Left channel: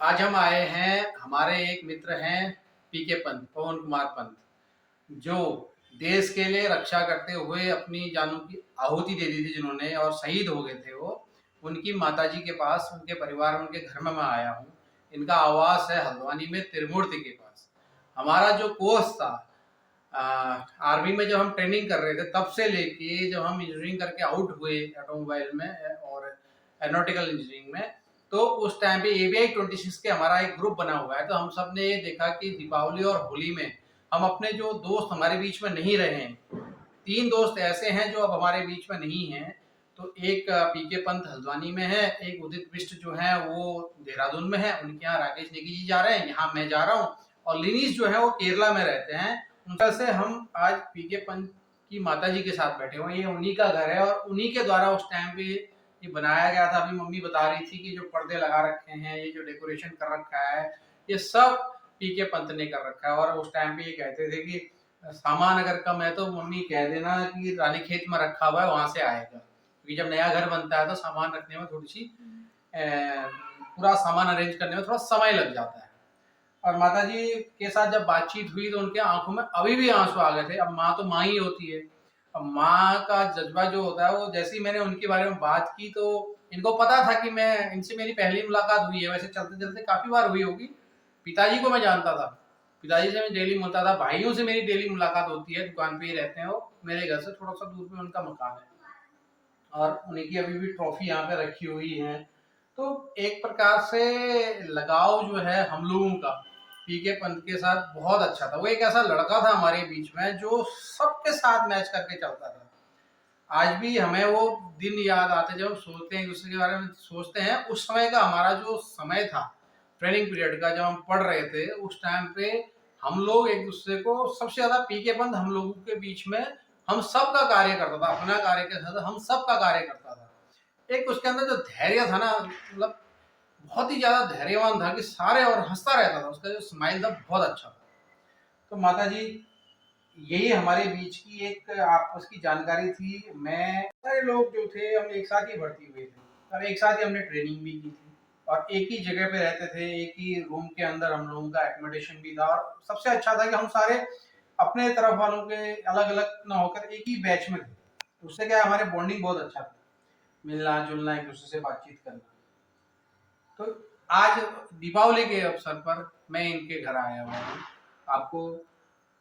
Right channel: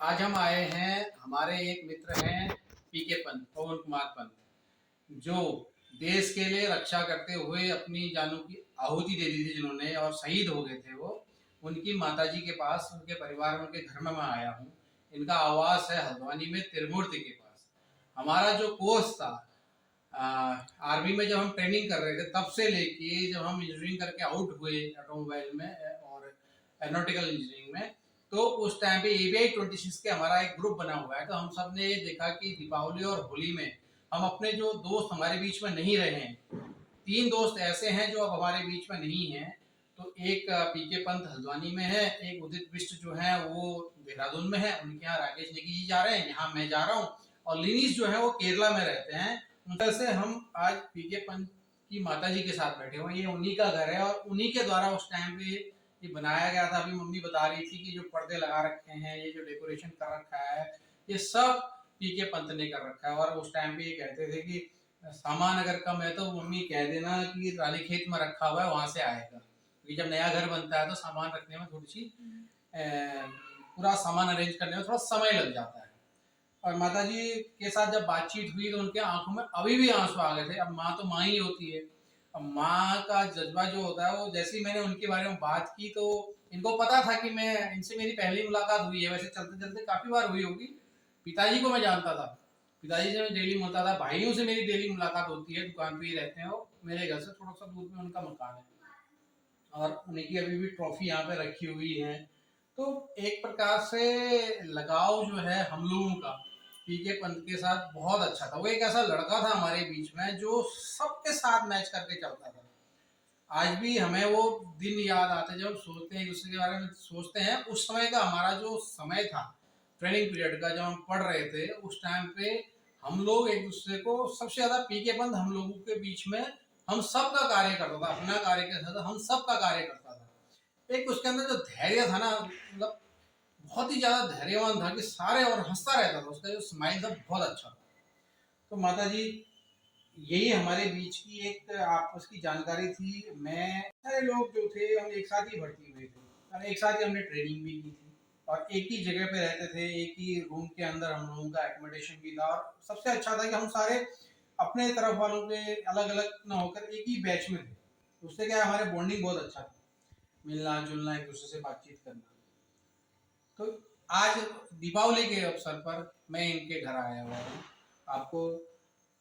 आज हम आए हैं, हमारे एक मित्र हैं पीके पंत, पवन कुमार पंत, जो देश के लिए रक्षा करते हुए अपनी जानों की आहुति दे दी थी जिन्होंने, और शहीद हो गए थे वो। उनकी माताजी के पास, उनके परिवार में, उनके घर में मैं आया हूँ। इनका आवास है हल्द्वानी में, त्रिमूर्ति के पास। हमारा जो कोर्स था, आर्मी में जब हम ट्रेनिंग कर रहे थे, तब से लेके जब हम इंजीनियरिंग करके आउट हुए ऑटोमोबाइल में और एरोनॉटिकल इंजीनियरिंग में, तो उस टाइम पे एवीआई 26 के हमारा एक ग्रुप बना हुआ है। तो हम सब ने ये देखा कि दीपावली और होली में हम अपने जो दोस्त हमारे बीच में नहीं रहे हैं, 3 दोस्त ऐसे हैं जो अब हमारे बीच में नहीं हैं। तो एक पीके पंत हल्द्वानी में है, एक उदित बिष्ट जो है वो देहरादून में है, उनके यहाँ राकेश नेगी जी जा रहे हैं, यहाँ मैं जा रहा हूँ, और लिनीश जो है वो केरला में रहते हैं। उनका से हम आज पीके पंत की माता जी के साथ बैठे हुए हैं। ये उन्हीं का घर है और उन्हीं के द्वारा उस टाइम पे ये बनाया गया था। अभी मम्मी बता रही थी कि जो पर्दे लगा रखे हैं, ये जो डेकोरेशन कर रखा है, ये सब पीके पंत ने कर रखा है। और उस टाइम पे ये कहते थे कि सामान अगर कम है तो मम्मी कह देना कि रानी खेत में रखा हुआ है, वहां से आएगा, क्योंकि जब नया घर बनता है तो सामान रखने में थोड़ी सी पूरा सामान अरेंज करने में थोड़ा समय लग जाता है। और माता जी के साथ जब बातचीत हुई तो उनके आंखों में अभी भी आंसू आ गए थे। अब माँ तो माँ ही होती है। अब माँ का जज्बा जो होता है, वो जैसे ही मैंने उनके बारे में बात की तो इनको पता था कि मैं इनसे मेरी पहली मुलाकात हुई है। वैसे चलते चलते काफी बार हुई होगी। पिताजी को मैं जानता था, पिताजी से मैं डेली मिलता था, भाइयों से मेरी डेली मुलाकात होती है, दुकान पे ही रहते हैं वो। मेरे घर से थोड़ा सा दूर पे उनका मकान है और उन्हीं की अभी भी ट्रॉफी यहाँ पे रखी हुई है। तो एक प्रकार से लगाव जो है हम लोगों का पीके पंत के साथ बहुत अच्छा था। वो एक ऐसा लड़का था हमारे बीच में जो सबके साथ मैच करके चलता था। आज भी हमें वो दिन याद आते जब हम सोचते हैं, एक दूसरे के बारे में सोचते हैं। उस समय का हमारा जो समय था, ट्रेनिंग पीरियड का, जब हम पढ़ रहे थे, उस टाइम पे हम लोग एक दूसरे को सबसे ज्यादा पीके पंत हम लोगों के बीच में हम सब का कार्य करता था। अपना कार्य के साथ हम सब का कार्य करता था। एक उसके अंदर जो धैर्य था ना, मतलब बहुत ही ज्यादा धैर्यवान था कि सारे, और हंसता रहता था। उसका जो स्माइल था बहुत अच्छा था। तो माता जी, यही हमारे बीच की एक आपस की जानकारी थी। मैं, सारे लोग जो थे हम एक साथ ही भर्ती हुए थे और एक साथ ही हमने ट्रेनिंग भी की थी और एक ही जगह पे रहते थे। एक ही रूम के अंदर हम लोगों का एकोमोडेशन भी था। और सबसे अच्छा था कि हम सारे अपने तरफ वालों के अलग अलग ना होकर एक ही बैच में थे। उससे क्या, हमारे बॉन्डिंग बहुत अच्छा था, मिलना जुलना, एक दूसरे से बातचीत करना। तो आज दीपावली के अवसर पर मैं इनके घर आया हुआ हूँ। आपको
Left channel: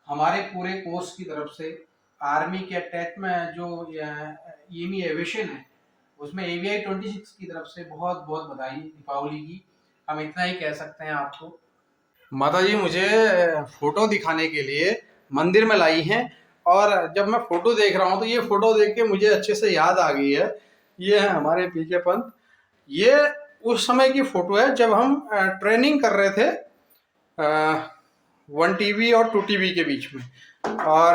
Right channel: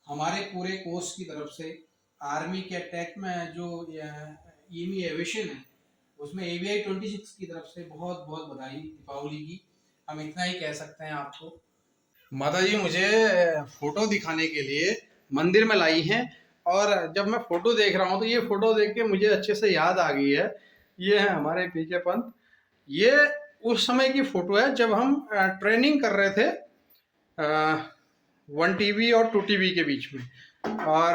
हमारे पूरे कोर्स की तरफ से, आर्मी के अटैच में जो ईमी एविएशन है, उसमें एवीआई 26 की तरफ से बहुत बहुत बधाई दीपावली की। हम इतना ही कह सकते हैं आपको। माता जी मुझे फोटो दिखाने के लिए मंदिर में लाई हैं, और जब मैं फोटो देख रहा हूँ तो ये फोटो देख के मुझे अच्छे से याद आ गई है। ये है हमारे पीके पंत। ये उस समय की फोटो है जब हम ट्रेनिंग कर रहे थे 1 TB और 2 TB के बीच में। और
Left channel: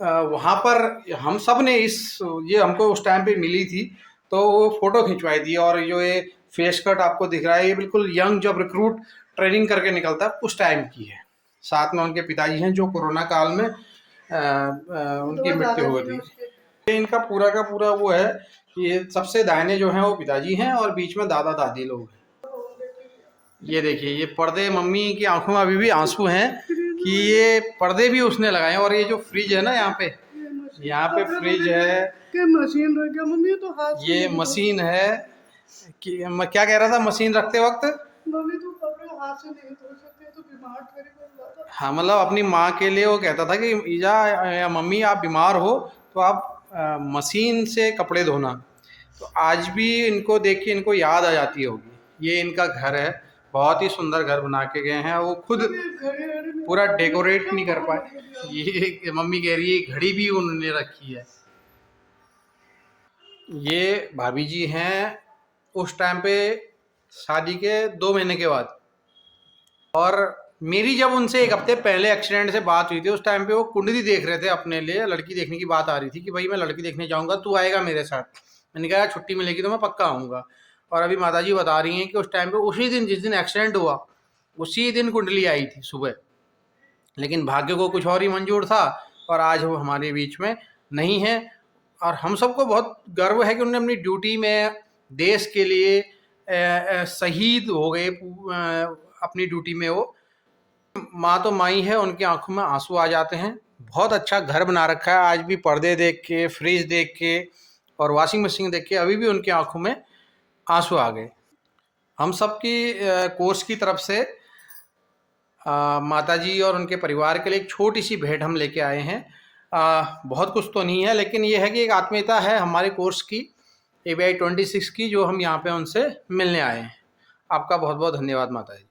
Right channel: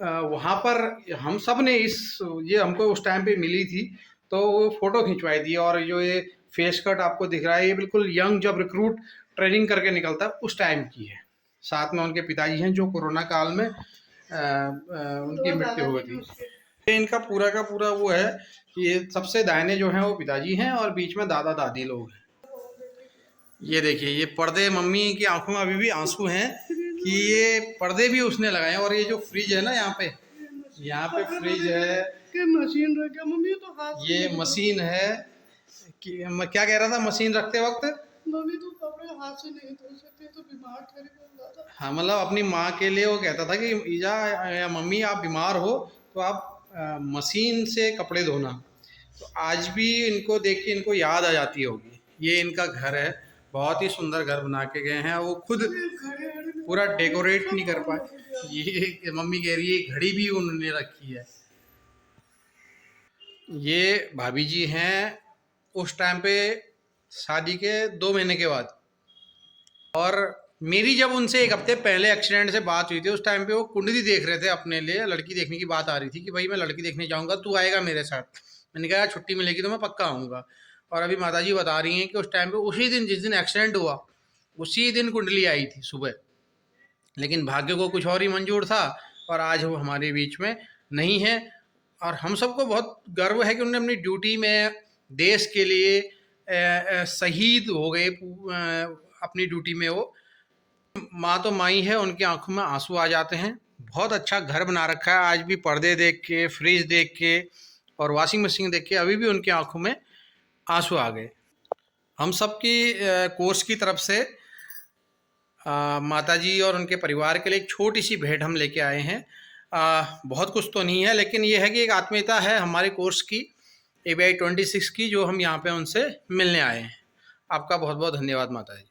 वहाँ पर हम सब ने ये हमको उस टाइम पे मिली थी, तो वो फोटो खिंचवाई थी। और जो ये फेस कट आपको दिख रहा है, ये बिल्कुल यंग जब रिक्रूट ट्रेनिंग करके निकलता है उस टाइम की है। साथ में उनके पिताजी हैं जो कोरोना काल में उनकी मृत्यु हुई थी। इनका पूरा का पूरा वो है कि ये सबसे दाहिने जो हैं वो पिताजी हैं और बीच में दादा दादी लोग हैं। ये देखिए, ये पर्दे, मम्मी की आंखों में अभी भी आंसू हैं कि ये पर्दे भी उसने लगाए। और ये जो फ्रिज है ना, यहाँ पे फ्रिज है, मशीन रख गया मम्मी, तो हाथ ये मशीन है कि मैं क्या कह रहा था मशीन रखते वक्त, मम्मी तो कपड़े हाथ से नहीं धो सकते तो बीमार थोड़ी पड़ जाता। हाँ, मतलब अपनी माँ के लिए वो कहता था कि ईजा या मम्मी आप बीमार हो तो आप मशीन से कपड़े धोना। तो आज भी इनको देख के इनको याद आ जाती होगी। ये इनका घर है, बहुत ही सुंदर घर बना के गए हैं। वो खुद पूरा डेकोरेट नहीं कर पाए। ये मम्मी कह रही है घड़ी भी उन्होंने रखी है। ये भाभी जी हैं उस टाइम पे शादी के 2 महीने के बाद। और मेरी जब उनसे 1 हफ्ते पहले एक्सीडेंट से बात हुई थी, उस टाइम पे वो कुंडली देख रहे थे अपने लिए, लड़की देखने की बात आ रही थी कि भाई मैं लड़की देखने जाऊंगा, तू आएगा मेरे साथ। मैंने कहा छुट्टी मिलेगी तो मैं पक्का आऊँगा। और अभी माताजी बता रही हैं कि उस टाइम पे, उसी दिन जिस दिन एक्सीडेंट हुआ, उसी दिन कुंडली आई थी सुबह। लेकिन भाग्य को कुछ और ही मंजूर था और आज वो हमारे बीच में नहीं है। और हम सबको बहुत गर्व है कि उन्होंने अपनी ड्यूटी में देश के लिए शहीद हो गए अपनी ड्यूटी में। वो माँ तो माई है, उनकी आंखों में आंसू आ जाते हैं। बहुत अच्छा घर बना रखा है, आज भी पर्दे देख के, फ्रिज देख के और वॉशिंग मशीन देख के अभी भी उनकी आंखों में आंसू आ गए। हम सबकी कोर्स की तरफ से माताजी और उनके परिवार के लिए एक छोटी सी भेंट हम लेके आए हैं। बहुत कुछ तो नहीं है, लेकिन ये है कि एक आत्मीयता है हमारे कोर्स की, ABI 26 की, जो हम यहाँ पे उनसे मिलने आए हैं। आपका बहुत बहुत धन्यवाद माताजी।